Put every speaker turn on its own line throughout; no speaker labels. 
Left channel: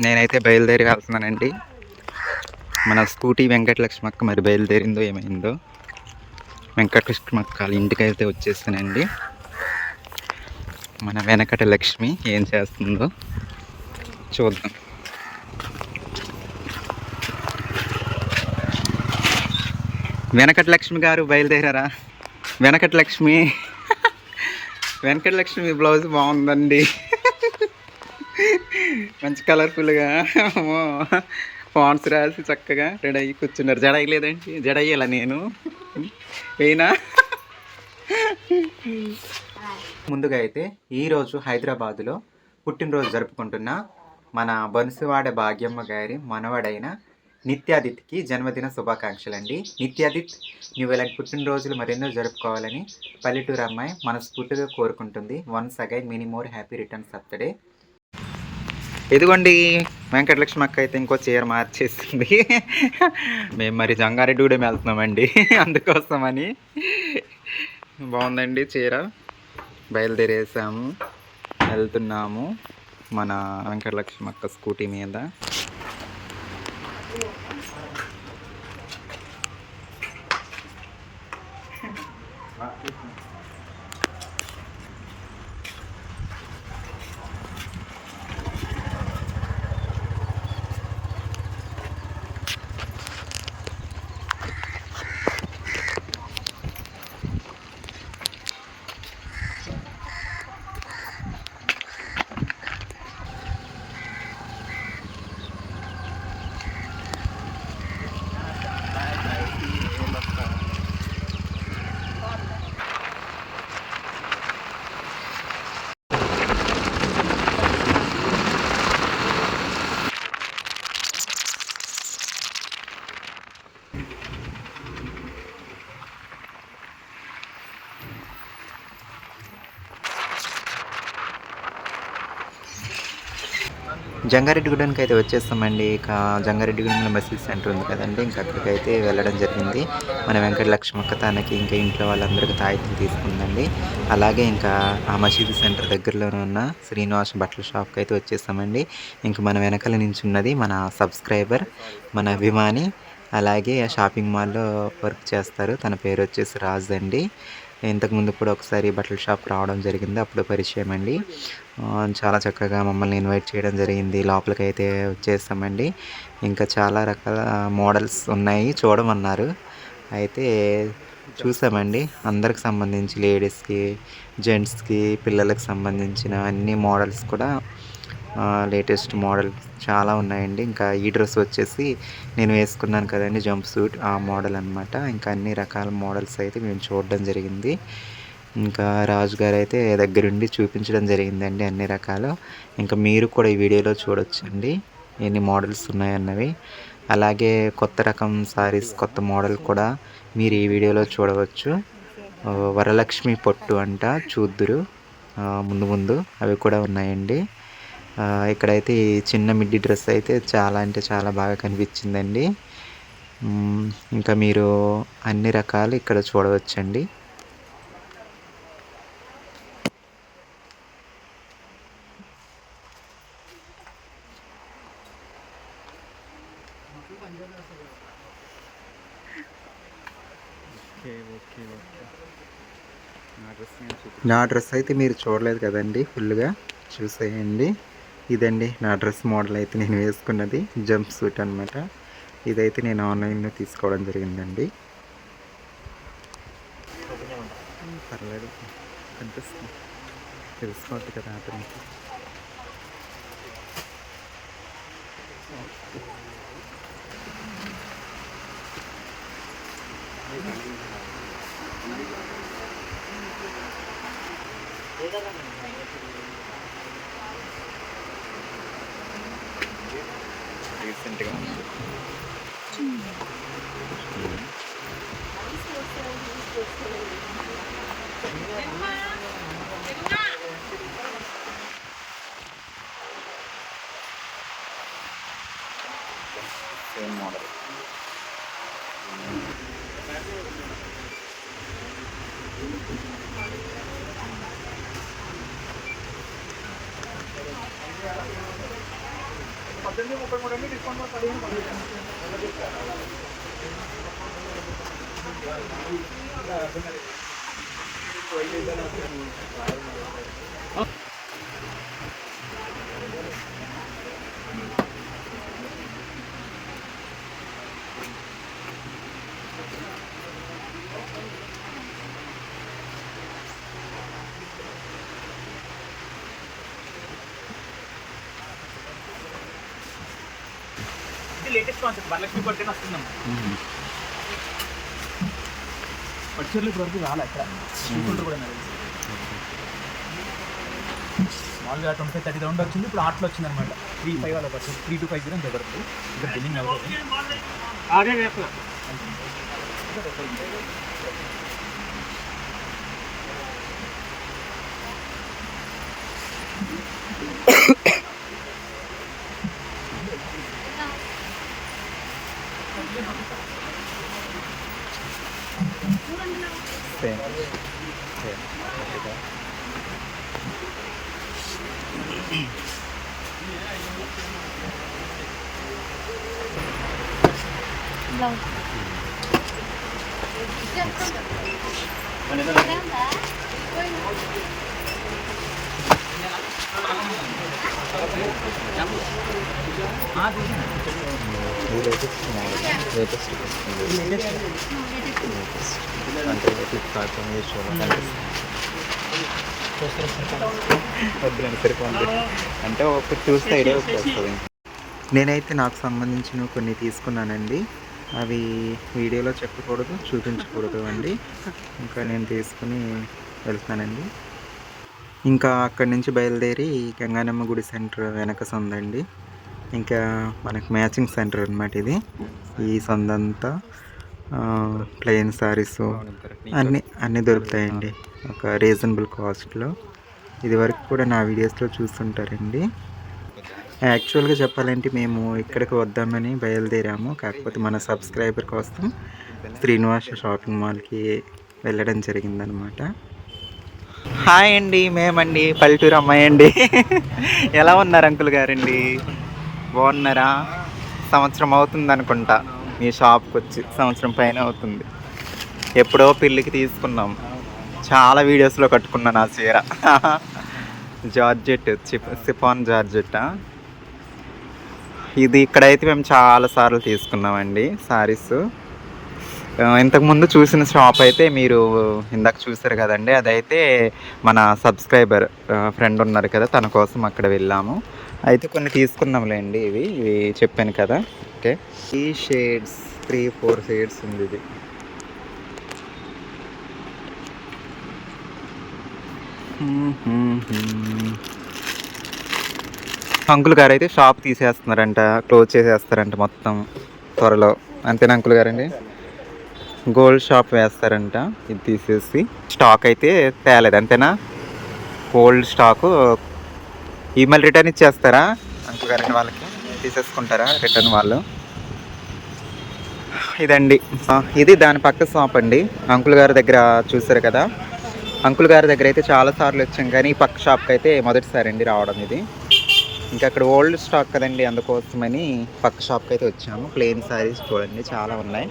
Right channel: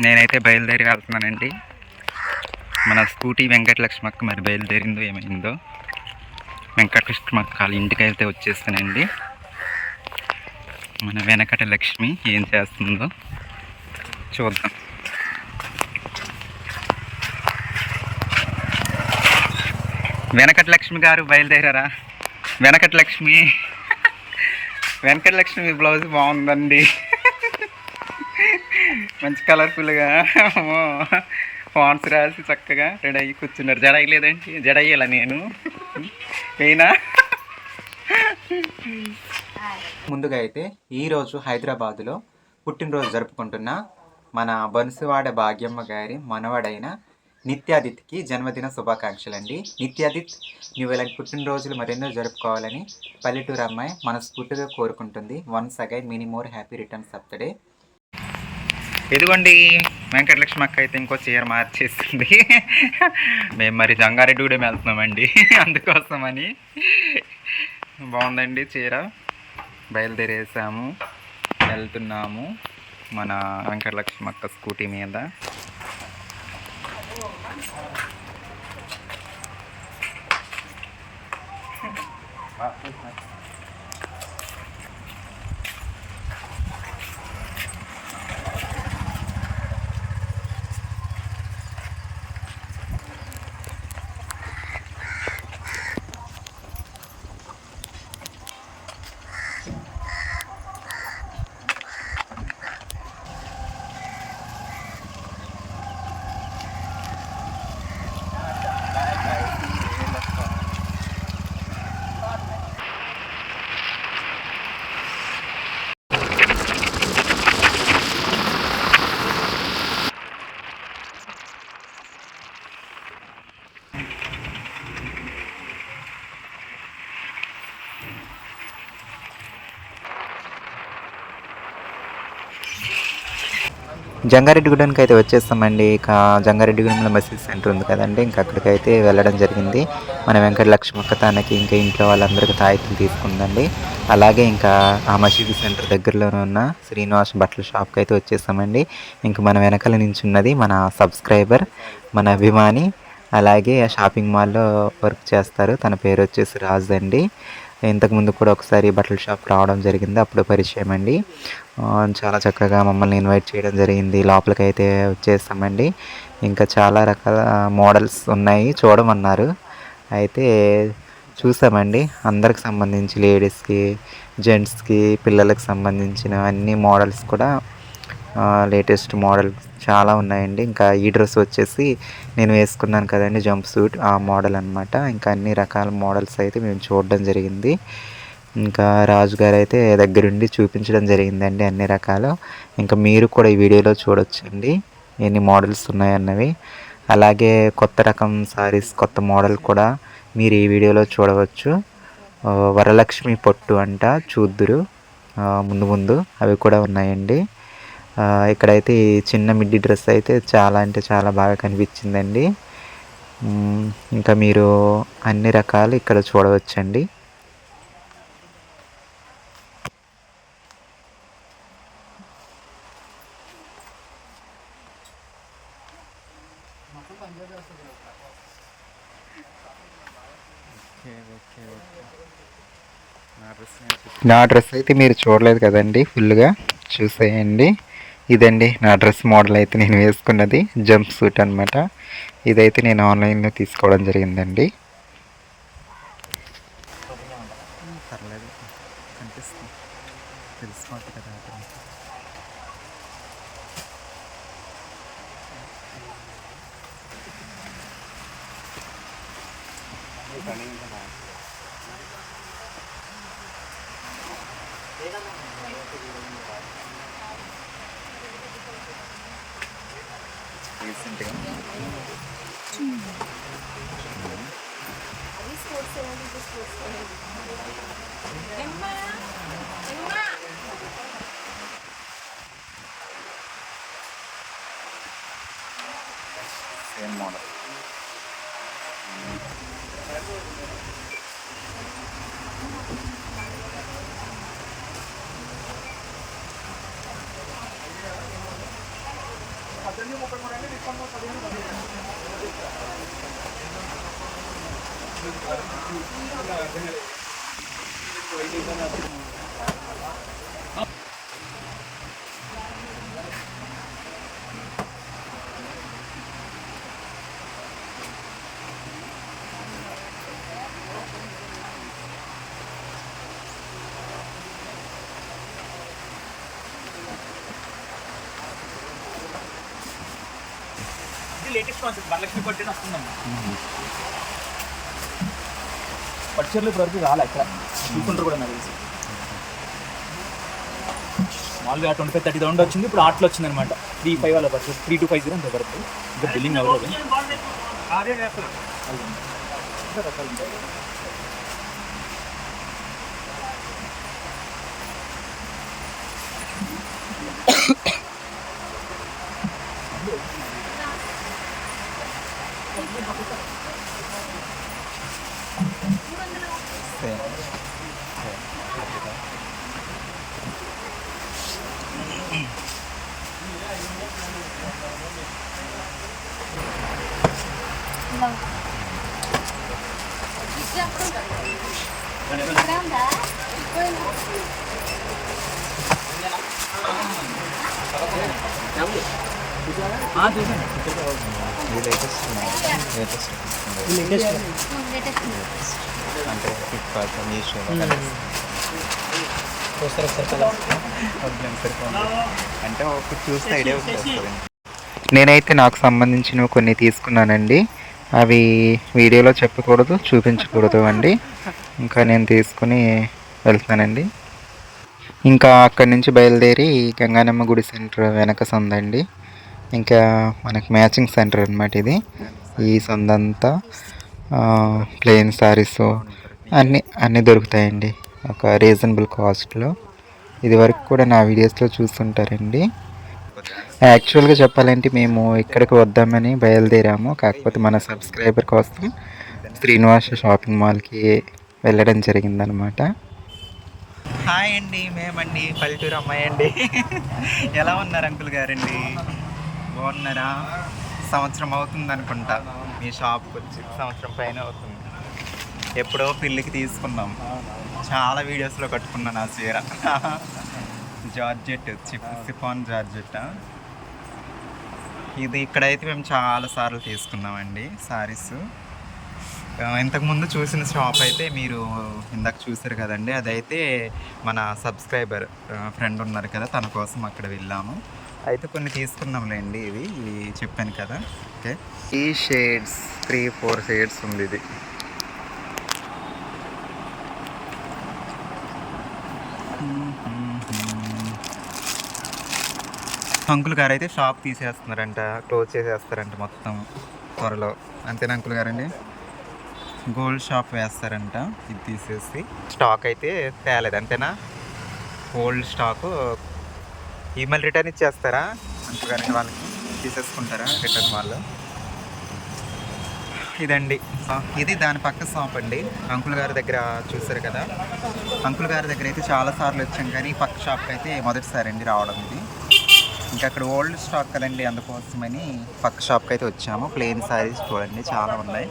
నేనైతే బయలుదేరి వెళ్తున్నానండి మన స్కూటీ వెంకటలక్ష్మక్క మరి బయలుదేరిందో ఏమైందో. వెంకటలక్ష్మక్క వాళ్ళ ఇంటికి అయితే వచ్చేస్తానండి. మన వెనకట లక్ష్మి ఏం చేస్తుందో చూద్దాం. వెనకట లక్ష్మి గారు బయలుదేరారా? వెనకట లక్ష్మి వెనకట లక్ష్మి బ్లౌజ్ బాగుందండి. మంచి కలర్ఫుల్గా ఫాన్స్ రాసి చక్కగా రెడీ అయ్యి కూర్చున్నారు. జడ లేదండి జడ అయ్యేలా నేను. అయినా ముందుగా అయితే ఈరోజు హైదరాబాదులో పుట్టినరోజు జరుపుకుంటున్న మన బన్సువాడ భాగ్యమ్మ గారి మనవడైన నిత్యాదిత్కి జన్మదిన శుభాకాంక్షలు అండి నిత్యాదిత్ నువ్వు ఇలాంటి పుట్టినరోజులు మరెన్నో జరుపుకోవాలని పల్లెటూరు అమ్మాయి మనస్ఫూర్తిగా కోరుకుంటుంది. Once again many more happy returns birthday ఇదిగోండి వెంకటలక్ష్మి అక్క అయితే ఇంకో చీర మార్చేసింది. మేము మరి జంగారెడ్డిగూడెం వెళ్తున్నామండి అందుకోసమని. బాగుందండి చీర. బయలుదేరేసాము వెళ్తున్నాము మన వెంకటలక్ష్మి అక్క స్కూటీ మీద. జంగారెడ్డిగూడెంకి అయితే వచ్చేస్తామండి. ఇక జంగారెడ్డిగూడెంలో మసీద్ సెంటర్ ఉంది కదండి. ఇంకా అక్కడికి అయితే వెళ్ళడం జరిగింది. మన వెంకట లక్ష్మక్క తనకి ఇంకా ఇంట్లో వాళ్ళందరికీ తాయితీలు తీసుకుందండి. అలాగే ఇంకా ఆ మసీద్ సెంటర్ దగ్గరలోనే ఉన్న శ్రీనివాస్ బట్టల షాప్కి అయితే వచ్చేస్తామండి. ఇంక మన వెనకాల నుంచి ఉన్నది మన సబ్స్క్రైబర్ మన అభిమాని అలాగే ఆ షాపింగ్ మాల్లో వర్క్ చేస్తారు. తన పేరు వచ్చేసి రాజు అండి. ఇంతకుముందు కూడా ఒకసారి బట్టల షాప్ రావడం జరిగింది. అప్పుడు పరిచయం అండి. చాలా చక్కగా మమ్మల్ని ఇన్వైట్ చేయడం జరిగింది. లోపలికి అయితే వచ్చేస్తామండి. ఇంకా చాలా రకాల మోడల్స్ ఉన్నాయి. చూడమన్నారు. అయితే చూసామండి. అందరికి సంబంధించి లేడీస్కి జెంట్స్కి పిల్లలకు సంబంధించిన అన్ని మోడల్స్ కూడా లేటెస్ట్ మోడల్ చాలా ఉన్నాయండి. ఇంకా ఈ డ్రెస్ వచ్చేసి నేను వేసుకున్నాను కదండి జంప్ సూట్ ఆ మోడల్ అనమాట ఇంకా అన్ని రకాల మోడల్స్ అయితే మేము చూడడం జరిగింది. ఇంకా రాజు గారు అయితే దగ్గరుండి చూపించడం జరిగిందండి అన్ని రకాలు. ఇంకా మీరు కూడా ఈ వీడియోలో చూడొచ్చండి ఎన్ని మోడల్స్ ఉన్నాయన్నవి. అలాగే కొత్త రకం సారీస్ కొత్త మోడల్ కూడా మీరు ఈ వీడియోలో చూడవచ్చు. వరలక్ష్మి పొట్టు అంట చూద్దురు. ముందు ముందు అవి కూడా ఉన్నాయండి. ఇక్కడైతే ఈ చిన్న మిడ్డీ డ్రెస్ అయితే చాలా అంటే చాలా బాగా కనిపించిందండి. ఇంకా మీరు అన్ని రకాలు ఇక్కడ చూడవచ్చండి. నా డ్రెస్ అయితే మీరు చూడలేదు కదండి ఫుల్గా చూసేయండి. ఇదండి నా డ్రెస్ మోడల్ అయితే నేను వేసుకున్నది జంప్ సూట్ అనమాట ఇదైతే నేను ఆన్లైన్లో తీసుకోవడం జరిగిందండి. పర్లేదు. కనిపిస్తుంది. తెలిసిపోద్ది కదా అతనికి. రీసెంట్గా ఉంది సేమ్ మోడల్
ఇది లేటెస్ట్ కాన్సెప్ట్ వరలక్ష్మి పట్టు వస్తుందమ్మా పట్టుచీరలు ఇప్పుడు వరకు రాలే తీసుకుంటారు కూడా నాకు తెలిసి మామూలుగా ట్వంటీ ఫైవ్ థర్టీ థౌసండ్ వచ్చింది ఇప్పుడు ఆర్ట్లో వచ్చింది అనమాట త్రీ ఫైవ్ వాళ్ళ పట్టు త్రీ టూ ఫైవ్ జీరో ఉంది వరకు ఇంకా బిల్లింగ్ అవ్వదు అదే
సేమ్ ఓకే ఇది latest model latest
latest
latest అంటే ఫ్లిప్కార్ట్ మీషోలో
కదా
వద్దులేండి అంటే ఒకటి చూస్తే ఐడియా వచ్చేస్తుంది. నేనైతే నాకు సంబంధించినవి కొన్ని తీసుకున్నానండి. అవి వీడియోలో చెప్పకూడదు చూపించకూడదు అండి. ఇంకా నేను తీసుకుని వెళ్తానండి. ఇంకా అక్కడి నుంచి బయలుదేరి గంగానమ్మ గుడి సెంటర్ వెనక సందండి. ఇంకా మనకి మ్యాచింగ్ సెంటర్ అనమాట ఇది. ఈ సందంతా ప్లెయిన్ సారీస్ అన్నీ అన్నీ దొరుకుతాయండి. ఒక రీజనబుల్ కాస్ట్లో ఇది వరకు కూడా నా వీడియోస్లో చూస్తుంటారండి. యాక్చువల్గా చెప్పాలంటే మేము ఇక్కడికి వద్దామని బయలుదేరాము. కాకపోతే మన సబ్స్క్రైబర్ కోసం శ్రీనివాస షాపింగ్ మాల్కి వెళ్ళడం జరిగిందనమాట హాయ్ అండి మేమండి పల్లెటూరు అమ్మాయి అండి. ఎలా ఉన్నారు అంకుల్ గారండి? బాగున్నారా? సంవత్సరం అవుతుంది అనుకుంటా ఈ షాప్కి వచ్చి సంవత్సరం పైన అవుతుంది. ఎప్పుడో పెళ్ళికి తీసుకున్నాం. చాలా వీడియోస్లో కట్టుకున్నాను ఆ చీర. Georgette chiffon georgette? ఇది ఇక్కడైతే మేము చాలా సార్లు తీసుకున్నామండి సారీస్. ఇంతకుముందు చూసిన షాప్ అయితే మీరు ఇందాక చూసారు కదండి అదైతే మన సబ్స్క్రైబర్ ఫ్రెండ్ ఉన్నారు కదా తన కోసం అక్కడ వెళ్ళాము. అయితే కొన్ని తీసుకున్నాంలేండి ఇవి ఇవి చెప్పాను కదా. ఓకే. ఈ షేడ్స్ త్రీ ఫోర్ షేడ్స్ ఉంది ఇది. అంకుల్ గారు అయితే షాప్ తీసేస్తున్నారంట క్లోజ్ చేసేస్తారంట మొత్తం త్వరలో. అంతేనా అంకుల్ గారండి? గోల్డ్ షాప్ వేస్తారంట ఇది తీసేసి. స్టాక్ అయితే తేలేదు అంతేనా? Gold stock. ఈమెయిల్ రిటర్న్ ఇచ్చేస్తారా? అంకుల్ గారండి వాళ్ళకి తీసేసుకుంటారా రిటర్న్ వాళ్ళు? ఇదండి. ఇది దాని పక్క షాప్ అండి. అంకుల్ గారి దగ్గర చూసారు కదా. అంకుల్ గారి దగ్గర అయితే చాలా సార్లు వచ్చాం కానీ ఈ పక్క షాప్కి అయితే మొదటిసారి అండి రావడం ఇది. ఇంకా అక్కడ ఓల్డ్ స్టాక్ కదండి అందుకోసమని పక్క షాప్కి అయితే వచ్చాము. ప్లెయిన్ సారీస్ చూడండి చాలా ఉన్నాయి.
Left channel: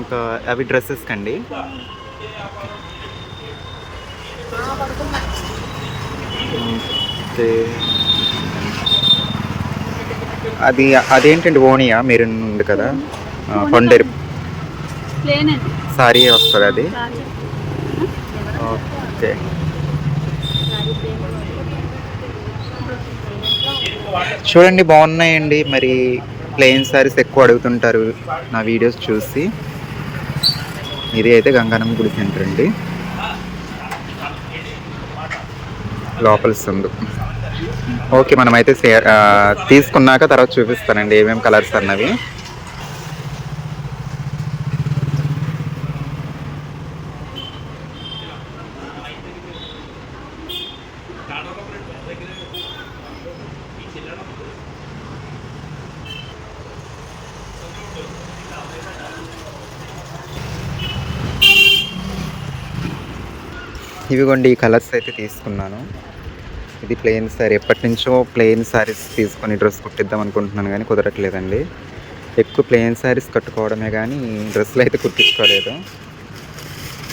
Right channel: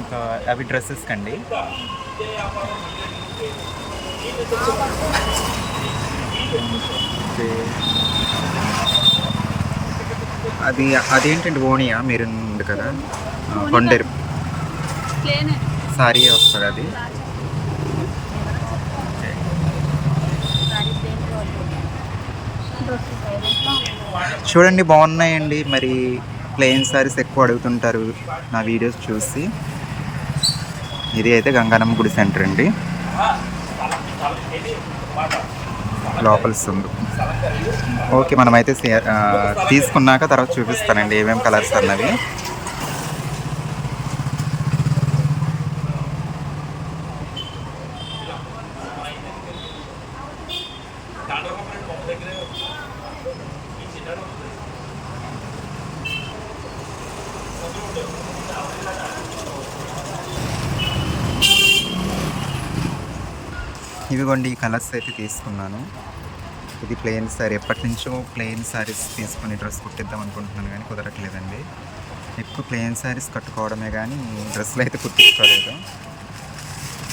ఇంకా అవి డ్రెస్సెస్ కండి. అయితే అది అదేంటండి ఓనియా మీరు ఉంది కదా.
ప్లేన్
సారీ వస్తుంది అది. ఓకే. చూడండి బాగున్నాయండి. మరి ప్లెయిన్ సారీస్ ఎక్కువ అడుగుతుంటారు నా వీడియోస్ చూసి. ఇది అయితే గంగానమ్మ గుడి సెంటర్ అండి. లోపల ఉంది. ఓకే మనం అయితే తీసుకున్నాక తర్వాత చూపిస్తానండి ఏమేమి కలర్స్ అన్నవి. ఇవిగోండి ఈ కలర్స్ అయితే తీసుకున్నాను. ఇది ప్లెయిన్ సారీ ఎప్పటి నుంచో ప్లెయిన్ సారీస్ తీసుకొని డ్రెస్ కుట్టిద్దాం అనుకుంటున్నాను కానీ కుదరట్లేదండి. ఎక్కువ ప్లెయిన్ సారీస్ కట్టుకోవడమే కానీ డ్రెస్సులు అయితే కుట్టించుకోలేదు.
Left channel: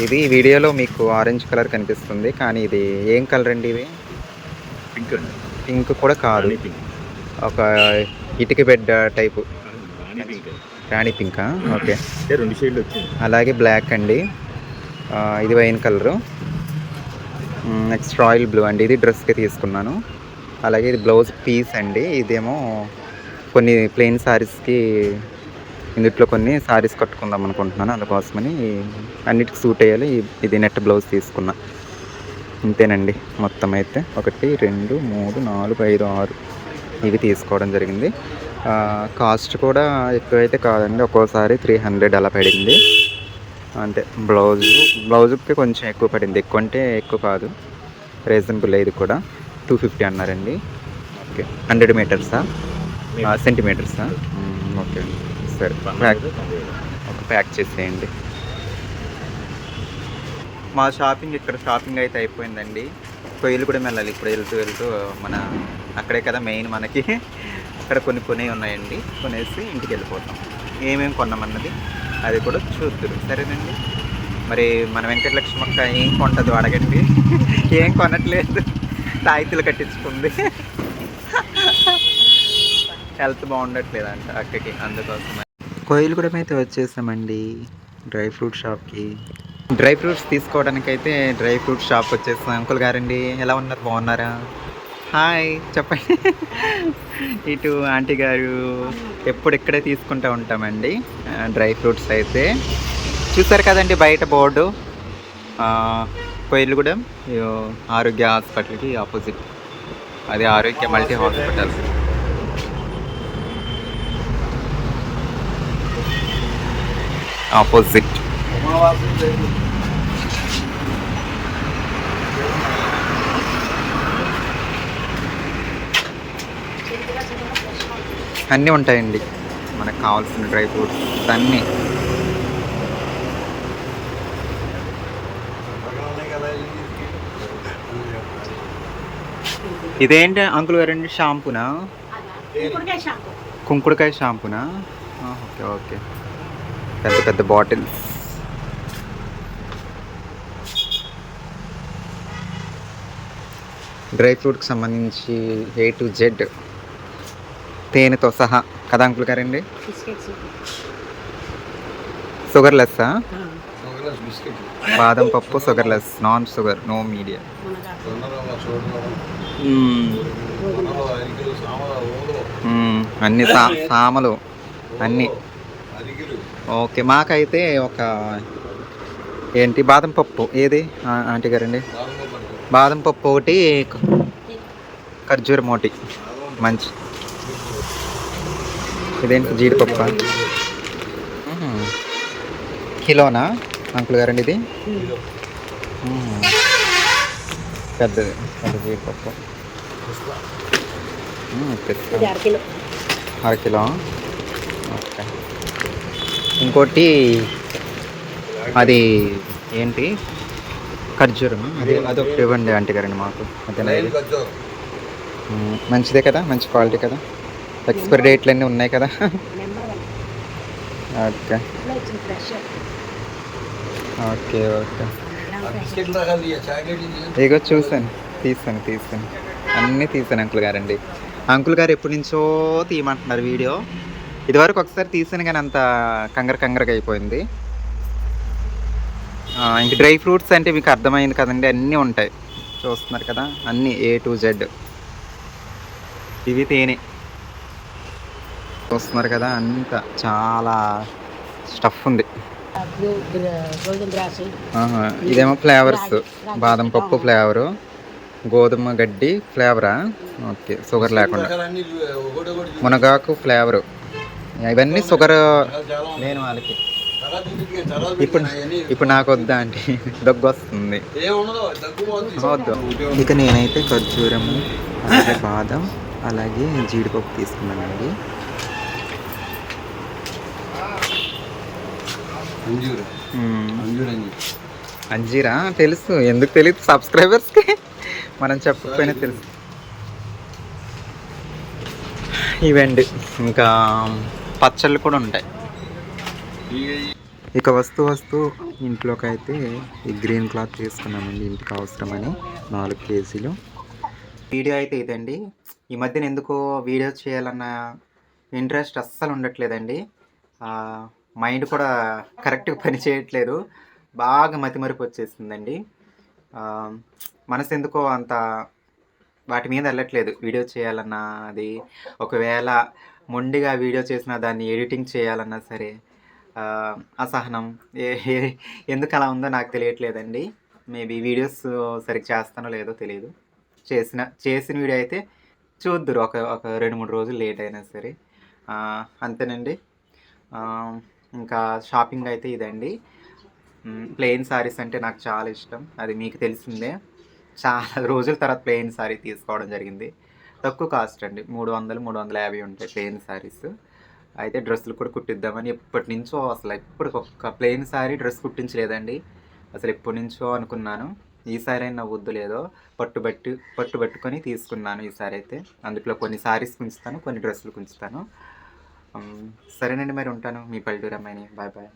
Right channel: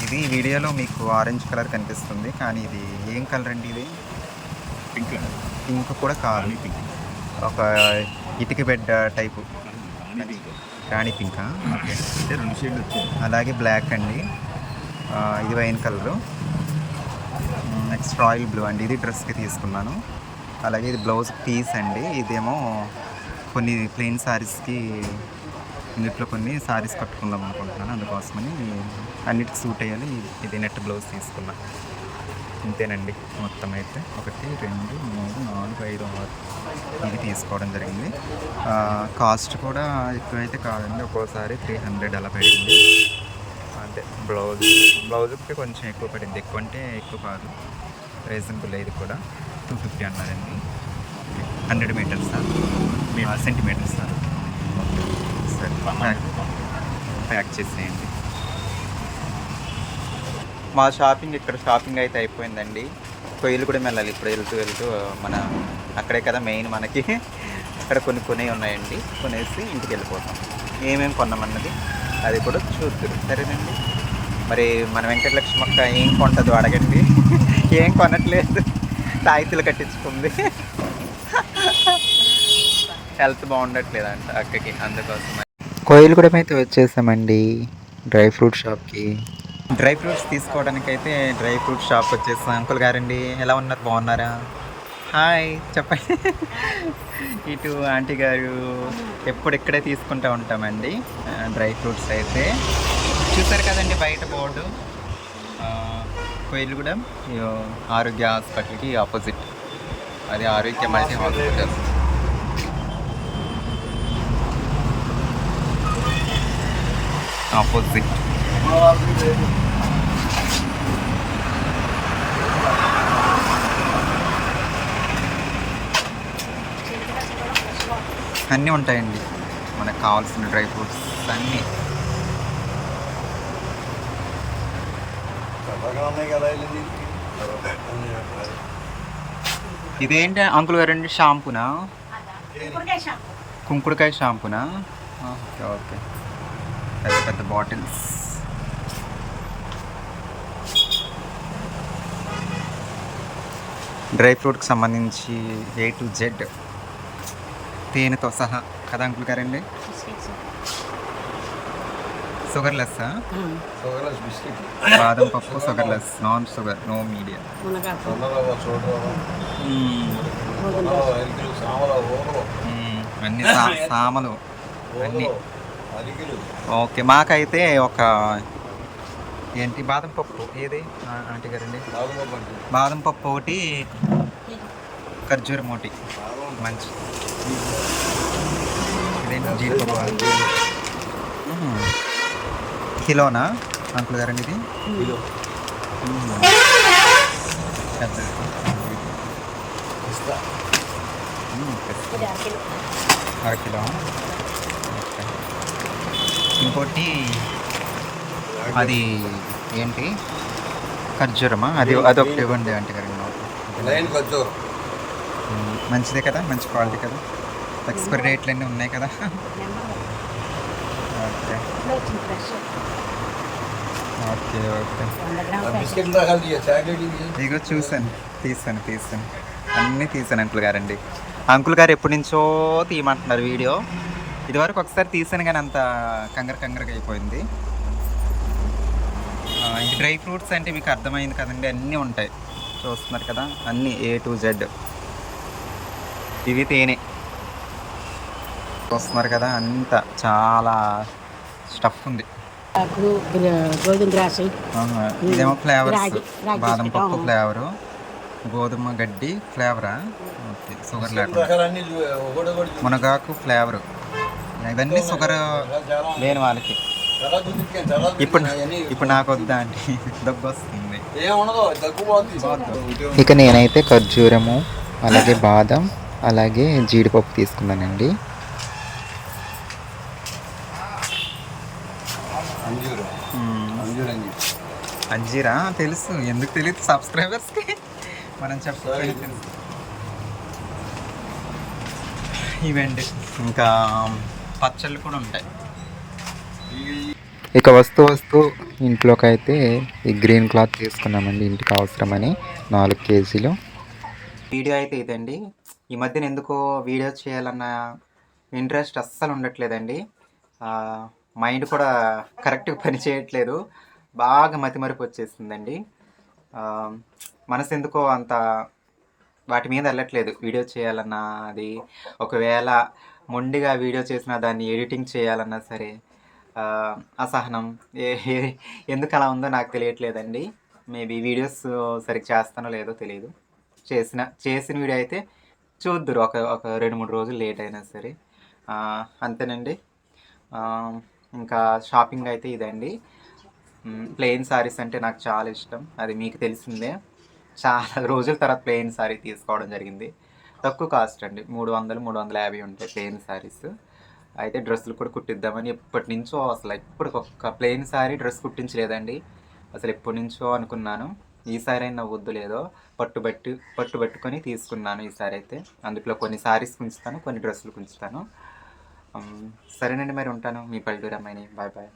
ఇది వీడియోలో మీకు ఆరెంజ్ కలర్ కనిపిస్తుంది కానీ ఇది ఏం కలర్ అండి ఇది?
పింక్ అండి.
పింక్ కూడా కాదు. ఒక ఇటుక బెడ్ టైపు.
రాణి పింక్
ఓకే. అలాగే బ్లాక్ అండి. ఇది wine colour. Next royal blue అండి. ఇది డ్రెస్కి తీసుకున్నాను. అలాగే ఇది బ్లౌజ్ పీస్ అండి. ఇదేమో కొన్ని ప్లెయిన్ శారీస్కి ఇందుట్లో కొన్ని శారీస్ కట్టుకుందాం అనుకుంటున్నాను అందుకోసమని అన్నిటికి సూట్ అయ్యాలి ఇది నెట్ బ్లౌజ్ తీసుకున్నా. అంతేనండి మొత్తం అయితే ఒకటి రెండు మూడు నాలుగు ఐదు ఆరు ఇవి తీసుకోవడం జరిగింది. కాస్ట్ కూడా ఎక్కువైతే కాదండి. ఒక్కోసారి త్రీ హండ్రెడ్ అలా పడింది. అంటే బ్లౌజ్ బ్లౌజ్కి కొంచెం ఎక్కువ పడింది. ఎక్కువ అంటే ఎక్కువ కాదు. రీజనబుల్ ఇది కూడా. టూ ఫిఫ్టీ అన్నారండి. ఓకే. హండ్రెడ్ మీటర్సా? సెంటీమీటర్సా? ఓకే. సరే. ప్యాక్ ఒక ప్యాక్ చేసేయండి. మా షాపింగ్ ఇక్కడ షాపింగ్ అయితే అయిపోయిందండి. కొయ్యలు కూడా వెళ్ళాలి ఇప్పుడు వెళ్తూ వెళ్తూ మన అక్కడే కదా మెయిన్ మనకి. అక్కడ కొన్ని కొని ఉన్నాయండి. కొనేసి ఇంటికి వెళ్ళిపోతాం. ఏమేమి కొన్నామన్నది? అది కూడా చూద్దరు. సరేనండి. మరి మన వెంకటలక్ష్మి అక్క ఏం కొంటదో అడగండి. ఏం కొనట్లేదు. తాయితీలు కట్టించుకుంది. హెల్త్ బాగుండట్లేదంట అక్కకి అందుకోసం కోయిలగూడెం అయితే వచ్చేసామండి డ్రై ఫ్రూట్ షాప్కి. డ్రై ఫ్రూట్స్ తీసుకోవడానికి అయితే డ్రై ఫ్రూట్ షాప్ వచ్చేసాం. అంకుల్ గారండి ఎలా ఉన్నారు? బాగున్నారా? హాయ్ చెప్పండి ఇటు ఆంటీ గారు ఎప్పుడు ఇక్కడే తీసుకుంటూ ఉంటామండి. డ్రై ఫ్రూట్స్ అయితే. చూసారు కదండి బయట బోర్డు? ఆ, ఆరోగ్య హాస్పిటల్కి ఆపోజిట్. అది ఆరోగ్య మల్టీ హాస్పిటల్. ఆపోజిట్. అన్నీ ఉంటాయండి. మనకు కావాల్సిన డ్రై ఫ్రూట్స్ అన్నీ. ఇదేంటి అంకుల్ గారండి? షాంపూనా? కుంకుడుకాయ షాంపూనా? Okay okay. పెద్ద పెద్ద బాటిల్స్. డ్రై ఫ్రూట్కి సంబంధించి ఏ టు జెడ్ తేనెతో సహా. కదా అంకుల్ గారండి షుగర్ లెస్సా బాదం పప్పు sugar less non sugar no media అన్ని సా సామలు అన్నీ. ఓకే మాకైతే ఒక ఏంటి? బాదం పప్పు. ఏది? ఆంటీ గారండి బాదం పప్పు ఒకటి ఖర్జూరం ఒకటి. మంచి. ఇదేంటి జీడిపప్పు? కిలోనా అంకుల్ గారండి ఇది. పెద్దది పెద్ద జీడిపప్పు. అర కిలో. ఓకే. ఇంకోటి అది ఏంటి? ఖర్జూరమా? అది అదొకటి ఇవ్వండి ఆంటీ గారండి మాకు. మంచిదే కదా? మంచి క్వాలిటీ కదా? ఎక్స్పైరీ డేట్లు అన్నీ ఉన్నాయి కదా. ఓకే. Okay okay. ఇగో చూసాను తీసాను తీసాను అన్నీ తీసాను అంకుల్ గారండి. అంకుల్ గారు ఎప్పటి నుంచో తీయమంటున్నారు వీడియో. ఇదివరకు ఒకసారి తీసాను కానీ అంత కంగర కంగరగా అయిపోయింది. ఇంక డ్రై ఫ్రూట్స్ అంటే మీకు అర్థమైంది కదండి అన్నీ ఉంటాయి. చూస్తున్నారు కదా అన్నీ ఏ టు జెడ్ ఇవి తేనె. చూస్తున్నారు కదా అంత చాలా స్టఫ్ ఉంది. ఇదేమో ఫ్లేవర్స్ బాదం. పప్పు ఫ్లేవరు గోధుమ గడ్డి ఫ్లేవరా ఓకే షుగర్ లేకుండా. మునగాకు ఫ్లేవరు ఇవన్నీ షుగర్ లేని వాళ్ళకి. ఇప్పుడు ఇప్పుడు నాకు వద్దా అంటే దగ్గు వస్తుంది. వద్దు. ఇక నేనైతే ఖర్జూరము అలాగే బాదం అలాగే జీడిపప్పు తీసుకున్నానండి.
అంజూరు.
మ్మ్.
అంజూరు అని చెప్పి
అంజీరా? తెలుసు. ఎందుకు తెలియదు? సబ్స్క్రైబర్స్కి మనం చెప్పకపోయినా తెలుసు. ఇవండి. ఇంకా పచ్చళ్ళు కూడా ఉంటాయి. ఇక వస్తూ వస్తూ ఇంట్లోకి అయితే ఈ గ్రీన్ క్లాత్ తీసుకున్నామండి ఇంటికి అవసరమని నాలుగు కేజీలు. వీడియో అయితే ఇదండి. ఈ మధ్యన ఎందుకో వీడియో చేయాలన్న ఇంట్రెస్ట్ అస్సలు ఉండట్లేదండి. మైండ్ కూడా కరెక్ట్గా పని చేయట్లేదు. బాగా మతిమరుపు వచ్చేసిందండి. మనసు ఎందుకో అంత వాటి మీద వెళ్ళట్లేదు వీడియో చేయాలన్నా అది ఒకవేళ మొండిగా వీడియో చేసినా దాన్ని ఎడిటింగ్ చేయాలన్నా సరే అసహనం ఏ ఏ- ఎందుకు అలా ఉందో నాకు తెలియట్లేదండి. మేబీ వీడియోస్ సరిగ్గా చేస్తానో లేదో తెలియదు చేసిన చేసిన వీడియో అయితే చూద్దురు ఒక ఒక రెండు మూడు రోజులు లేట్ అయినా సరే. అంతేనండి. ఇంకా షాపింగ్ అయితే ఇదండి. ప్లెయిన్ సారీస్ అంటే నాకు చాలా ఇష్టం. అది మీకు తెలిసిందే. చాలా రోజుల తర్వాత ప్లెయిన్ సారీ తీసుకోవడం జరిగింది. తక్కువ కాస్ట్ అండి. మూడు వందలు మూడు వందల యాభై ఉంటాయి ప్లెయిన్ సారీస్. అయితే డ్రెస్సులు కూడా కుట్టిద్దామని ఎప్పటి నుంచో అసలు ఇప్పటికి ఒక్క ప్లెయిన్ సారీ డ్రెస్ కుట్టించలేదండి. అసలు ఎప్పటి నుంచో అనుకున్నాను. ఈసారి అయినా వద్దు లేదో పట్టుబట్టి పట్టుబట్టుకొని తీసుకున్నాను ఈసారి అయితే. అందులో కొన్ని సారీస్ ఉంచుతాను కొన్ని డ్రెస్సులు ఉంచుతాను Um, సరేనండి మరి ఉంటాను. మీ పల్లెటూరు అమ్మాయిని. Bye bye.